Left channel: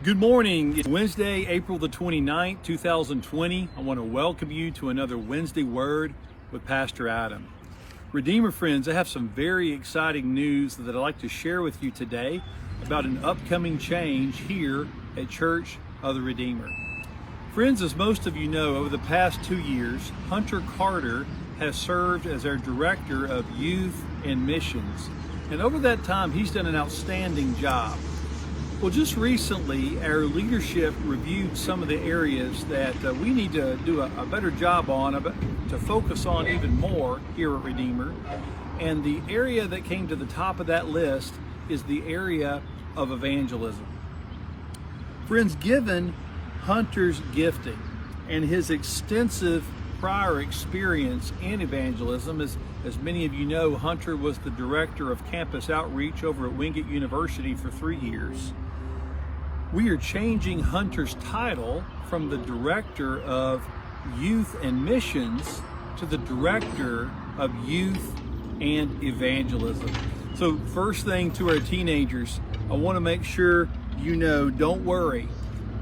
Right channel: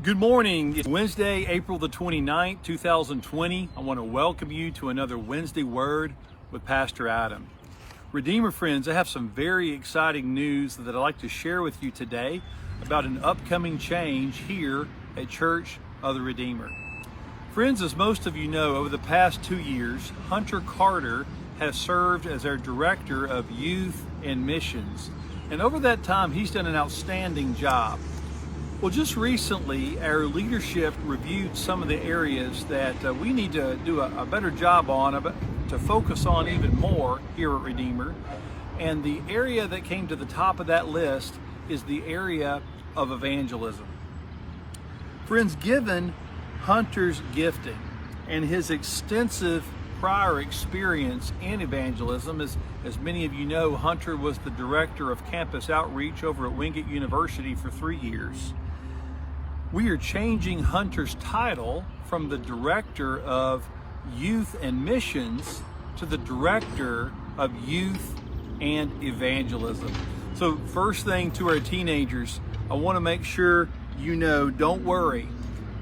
Good morning. It's Wednesday, April the 29th, 2020. I want to welcome you to another Wednesday Word with Pastor Adam. Redeemer friends, I have some very exciting news that I'd like to share with you today about an upcoming change here at Church of the Redeemer. Friends, as most of you know, over the past 2 years, Hunter Carter has served as our Director of Youth and Missions. And over that time, he's done an outstanding job. Well, just recently, our leadership reviewed some of the areas that we need to do a better job on, to focus on even more here at Redeemer. And the area that came to the top of that list is the area of evangelism. Friends, given Hunter's gifting and his extensive prior experience in evangelism, as many of you know, Hunter was the Director of Campus Outreach over at Wingate University for 3 years. We are changing Hunter's title from the Director of Youth and Missions to the Director of Youth and Evangelism. So first thing to our teenagers, I want to make sure you know, don't worry.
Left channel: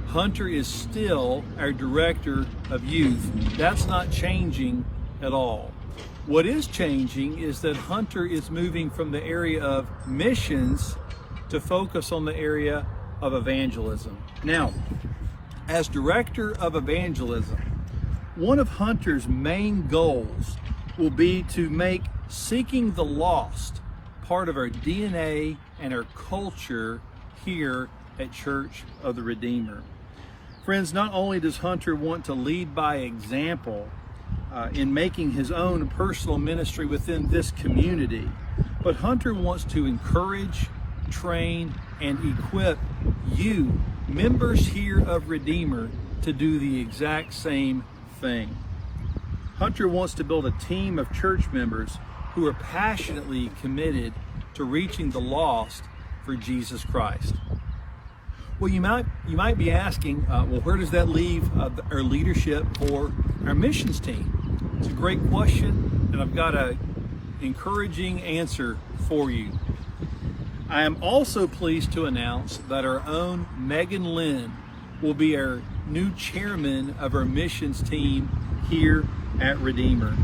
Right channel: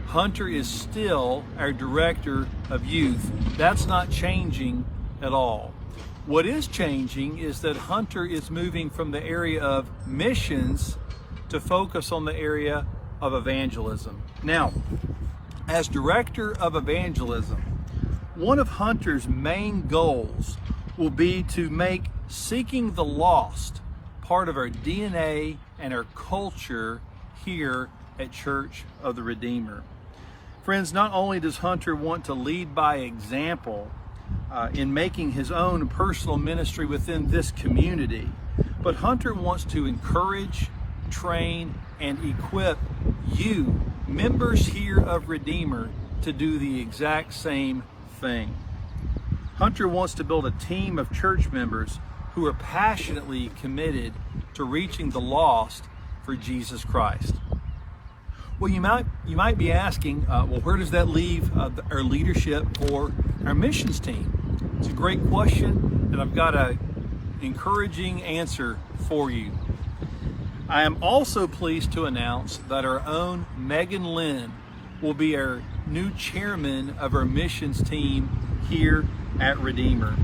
Hunter is still our Director of Youth. That's not changing at all. What is changing is that Hunter is moving from the area of missions to focus on the area of evangelism. Now, as Director of Evangelism, one of Hunter's main goals will be to make seeking the lost part of our DNA and our culture here at Church of the Redeemer. Friends, not only does Hunter want to lead by example in making his own personal ministry within this community, but Hunter wants to encourage, train, and equip you, members here of Redeemer, to do the exact same thing. Hunter wants to build a team of church members who are passionately committed to reaching the lost for Jesus Christ. Well, you might be asking, well, where does that leave our leadership for our missions team? It's a great question, and I've got an encouraging answer for you. I am also pleased to announce that our own Megan Lynn will be our new chairman of our missions team here at Redeemer.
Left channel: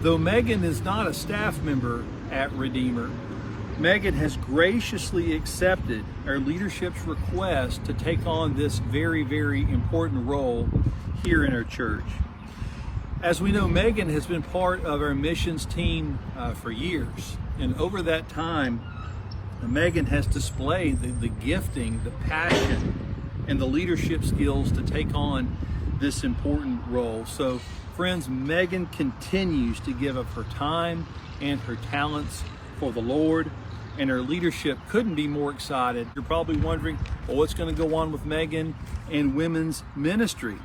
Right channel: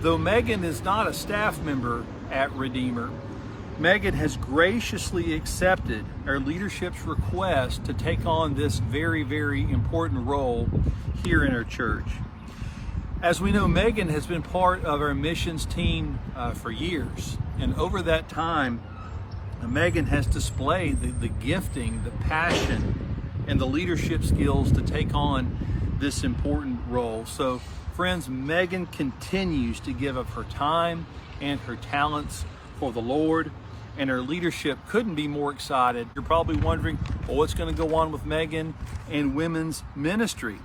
Though Megan is not a staff member at Redeemer, Megan has graciously accepted our leadership's request to take on this very, very important role here in our church. As we know, Megan has been part of our missions team for years, and over that time, Megan has displayed the gifting, the passion, and the leadership skills to take on this important role. So, friends, Megan continues to give up her time and her talents for the Lord, and her leadership couldn't be more excited. You're probably wondering, well, what's going to go on with Megan and women's ministry?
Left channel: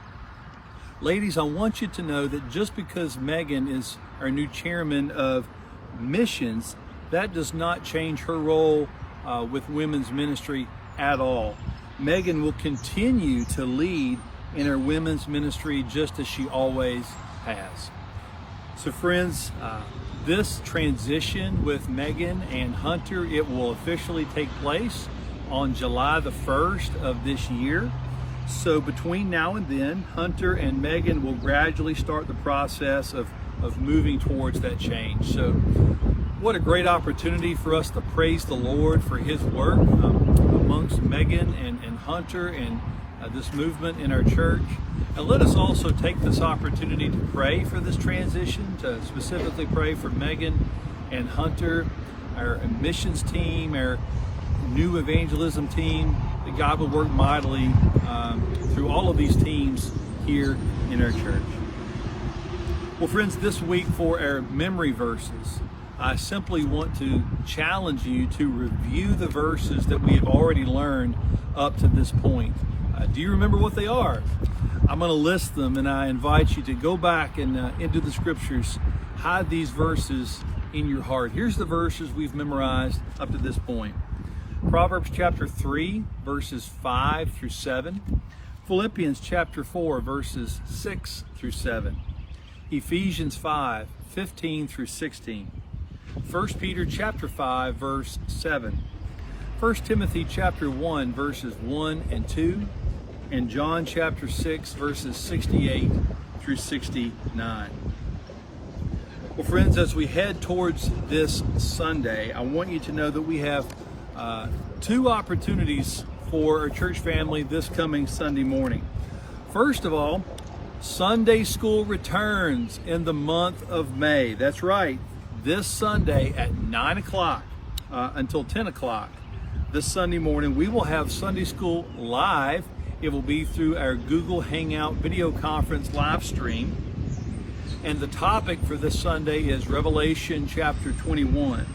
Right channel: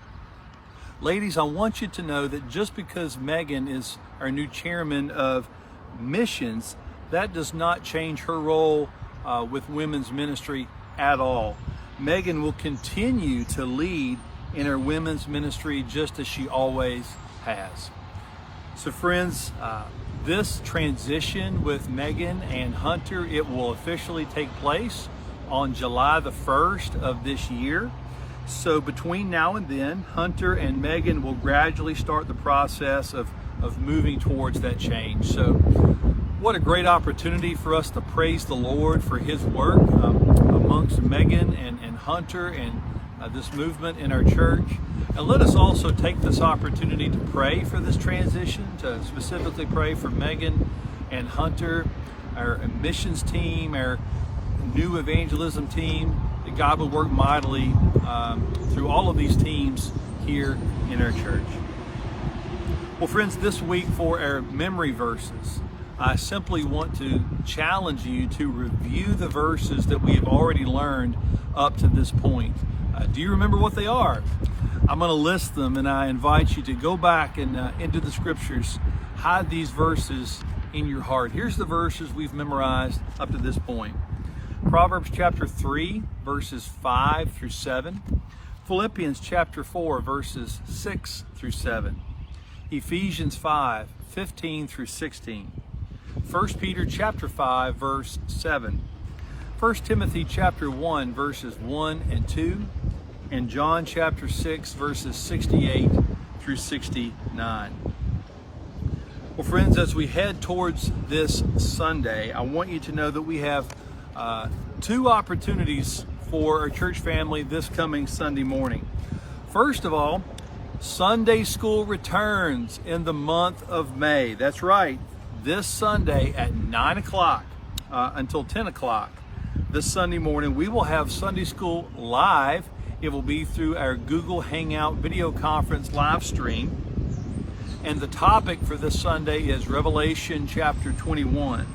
Ladies, I want you to know that just because Megan is our new chairman of missions, that does not change her role with women's ministry at all. Megan will continue to lead in her women's ministry just as she always has. So friends, this transition with Megan and Hunter, it will officially take place on July the 1st of this year. So between now and then, Hunter and Megan will gradually start the process of moving towards that change. So what a great opportunity for us to praise the Lord for His work amongst Megan and Hunter and this movement in our church. And let us also take this opportunity to pray for this transition, to specifically pray for Megan and Hunter, our missions team, our new evangelism team, that God would work mightily through all of these teams here in our church. Well, friends, this week for our memory verses, I simply want to challenge you to review the verses that we have already learned up to this point. Do you remember what they are? I'm going to list them, and I invite you to go back and into the scriptures, hide these verses in your heart. Here's the verses we've memorized up to this point. Proverbs chapter 3, verses 5 through 7. Philippians chapter 4, verses 6 through 7. Ephesians 5, 15 through 16. 1 Peter chapter 5, verse 7. 1 Timothy chapter 1, verses 1 and 2, and John chapter 6, verses 68 through 69. Well, friends, as we head towards this Sunday, I want you to know that we have two opportunities for our church family this coming Sunday morning. First of all, Sunday school returns in the month of May. That's right, this Sunday at 9 o'clock until 10 o'clock. This Sunday morning, we will have Sunday school live. It will be through our Google Hangout video conference live stream. And the topic for this Sunday is Revelation chapter 21.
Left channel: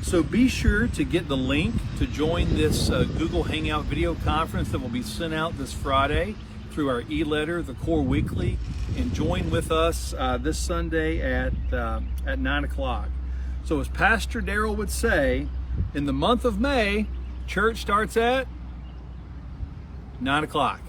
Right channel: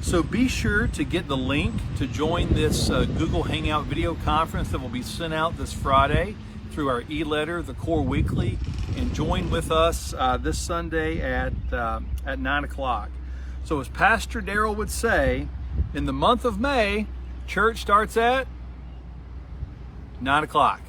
So be sure to get the link to join this Google Hangout video conference that will be sent out this Friday through our e-letter, the Core Weekly, and join with us this Sunday at 9 o'clock. So as Pastor Darrell would say, in the month of May, church starts at 9 o'clock.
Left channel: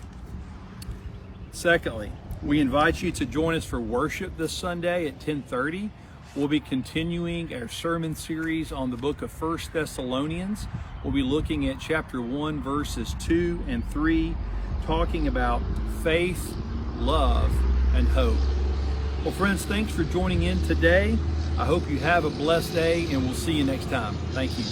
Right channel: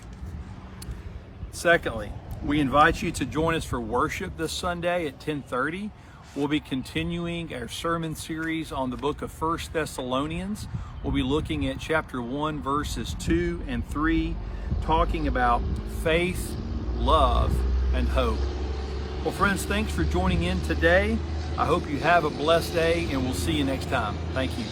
Secondly, we invite you to join us for worship this Sunday at 10:30. We'll be continuing our sermon series on the book of 1 Thessalonians. We'll be looking at chapter 1, verses 2 and 3, talking about faith, love, and hope. Well, friends, thanks for joining in today. I hope you have a blessed day, and we'll see you next time. Thank you.